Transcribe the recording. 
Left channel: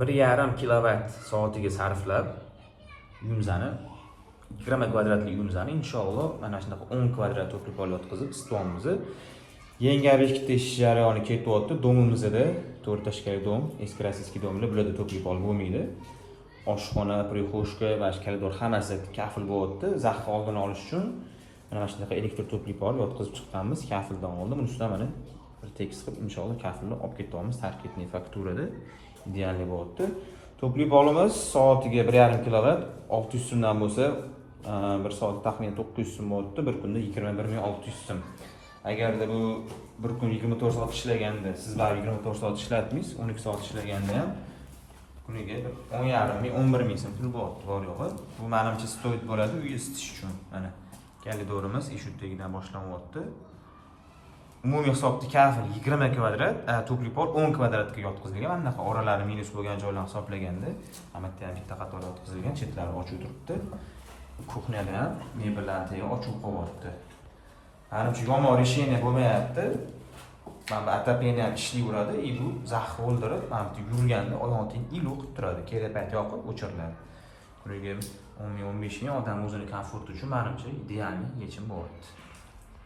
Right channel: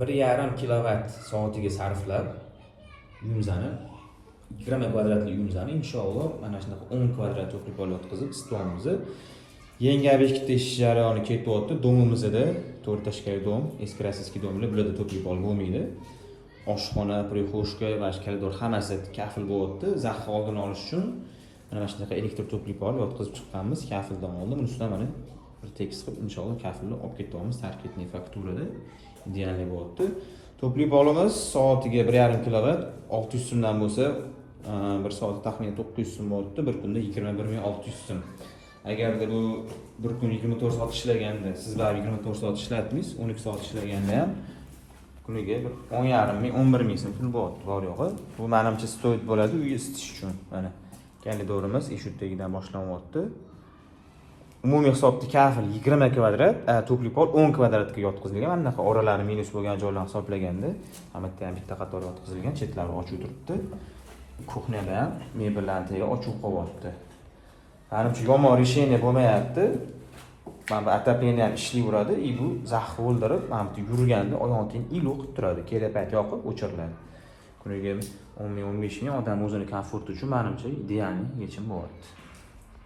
1,5 kilovat soatiga sarflab yumzani 20 kvadratli yumzani inshaalloh mana shunaqa 10 kvadrat to'pol yotqizib stolimizni yangi obyektda ishlash jarayoni ketyapti. Domimizda 4 tashkariy dom, eski rossiyskiy domlar bularda to'plab olib bo'lmaydi. Oshxona, prixoshka va koridor hammasi kafil bo'lyapti. Zaxni oldini olish uchun mana shunaqa elektr to'plab olib yotqizib chiqqanmiz. Kafildan oldin buni ustidan mana bir tekis qilib inshaalloh kafilni olib ketamiz. Tarkibli fakturada ideal bo'lyapti. To'plab olamiz soatiga 1,5 kilovat, 600 so'mdan bo'lsa, bir soat taxminan 900 so'm bo'lyapti. Bir kunda 21,600 so'm. Agarda bu bir kun 24 soat ishlaganda, siz baribir 24 soat ishlatdingiz, 12 soat ishlaganda ham kuniga 10,5-11,000 so'm pul bo'lyapti, bor yo'g'i. Bu menimcha stoyt bo'ladi uy isitish uchun. Mana kalidorimiz ishutdagidan boshlanyapti. Umumiy hisobda kafil 20 kvadrat, to'plab 10 kvadratga yotqizilgan. Bunaqa oralari minus bo'lgan joylarni hisoblaganda, hammatta ham bitta qator yotqizilgan, chetlari ochiq turibdi. Kuxnyada ham mebellarni teri ochiq qo'yapti. Menimcha yomon решение bo'lmayapti. Mana отопление ham ishlayveradi, bu zaxni o'ldirib, mana bu yurganda odamning iluq turadi, kerak payt yoqib o'chiriladi. Kuniga 10,000-15,000 odam o'zini komforti uchun menimcha ideal yechim bo'lyapti.